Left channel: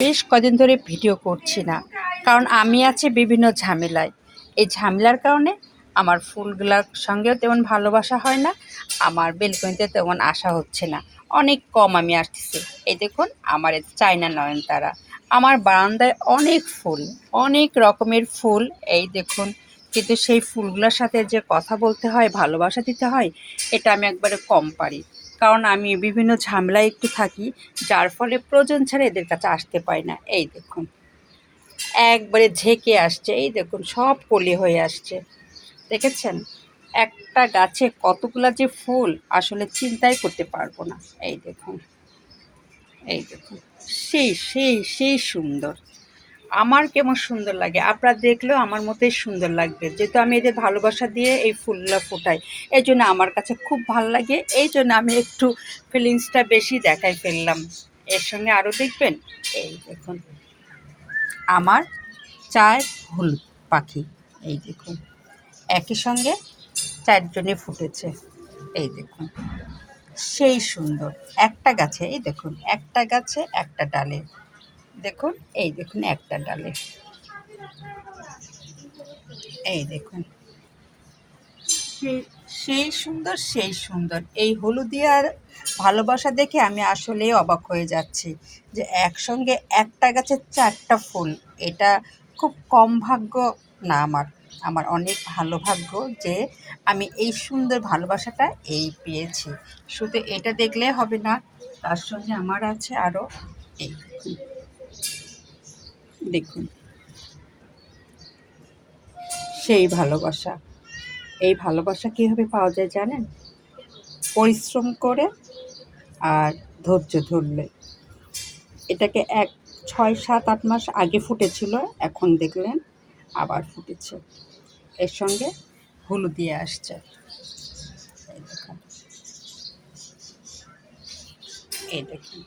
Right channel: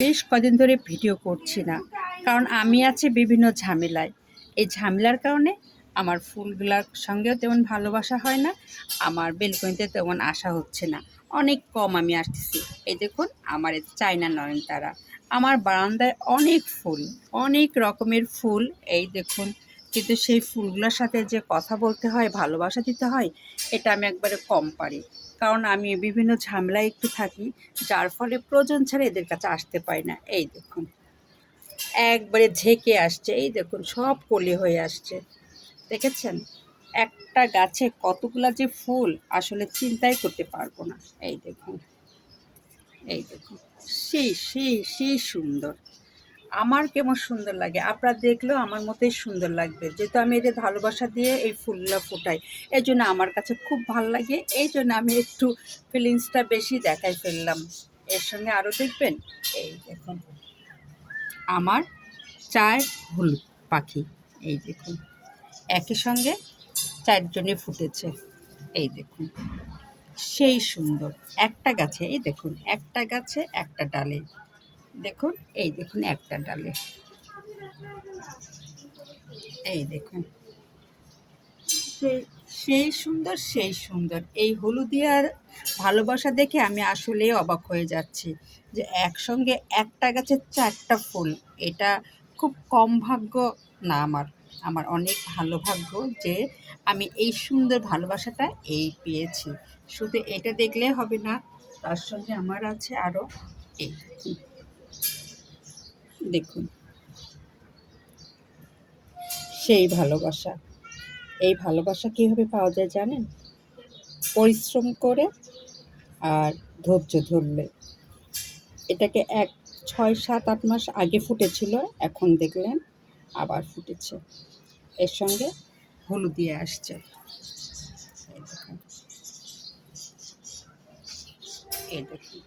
বেশ কদিন ধরে ভিডিও করছি না, কারণ আমি আছি বিভিন্ন ঝামেলায়। এই ঝামেলার কারণে আমার ফুলগুলার সঙ্গেও তেমন ভালোবাসা হয় না, আমার বেলকনিতে তেমন আসা হচ্ছে না, অনেক কম আমি আসতেছি। এই দেখুন আমার চায়না নয়নতারা, আমার বারান্দায় অনেক ফুল, অনেক রকমের ফুল। এই দেখুন, কিন্তু সেই ফুলগুলোর সাথে যে কথা বলতে হয়, ভালোবাসা দিতে হয়, এটা আমি একবারে কম পারি। কারণ আমি বিভিন্ন ঝামেলায় একটু থাকি, যার ফলে প্রয়োজন ছাড়া এদের কাছে আসতে পারি না। এই দেখুন একবারে ঝেঁকে আসছে, এই দেখুন সব কলি হয়ে আসছে, দেখেছেন? একটা গাছে কতগুলা যে ফুল আসলে চিন্তাই করতে পারবো না। এই দেখুন, এই দেখুন, সেই সেই সেই সুন্দর। আমার কেমন সুন্দর লাগে, আপনারা দেখলেও আমার মতোই সুন্দর লাগবে, যেহেতু আমি এদের ভালোবাসা দিয়ে এই ফুলগুলো ফোটাই। এই জন্য আমার কাছে খুব ভালো লাগে, এই জন্য আমি একটু ফিলিংসটা বেশি দেখাই ফেললাম। এর সঙ্গে আরও দেখবেন, এই দেখুন আমার 4 হলুদ পাখি, এই দেখুন একই সঙ্গে 4 জনে ফুটেছে। এই দেখুন সেই সুন্দর, একটা গাছে, এই দেখুন একটা গাছে একটা ডালে, দেখুন এই দেখুন একটা ডালে, এই দেখুন সেই সেই সুন্দর, সেই সুন্দর। এই হলুদিয়ার ভালোবাসা দেখে আমি আসলেই অবাক হয়ে যাচ্ছি, যে একসঙ্গে একটা গাছে 4টা ফুল, এটা খুব কম ভাগ্য না আমার, আমার অনেক ভালো ভাগ্য যে আমি এই সুন্দর ভালোবাসাটা এই পেয়েছি। শুধু এটা দেখলে হবে না, তার সঙ্গে আমার আছে আরও, এই দেখুন, দেখুন সেই ভালোবাসা। এই ভালোবাসা কীভাবে পাওয়া যায় জানেন? পরিশ্রম করে আর ধৈর্য ধরলে। এটাকে 6, 7, 8 মাস আগে ফুটেছিল, এখন দেখলেন আবার ফুটেছে, এর সঙ্গে হলুদিয়ে আসছে। এই দেখুন, এই দেখুন।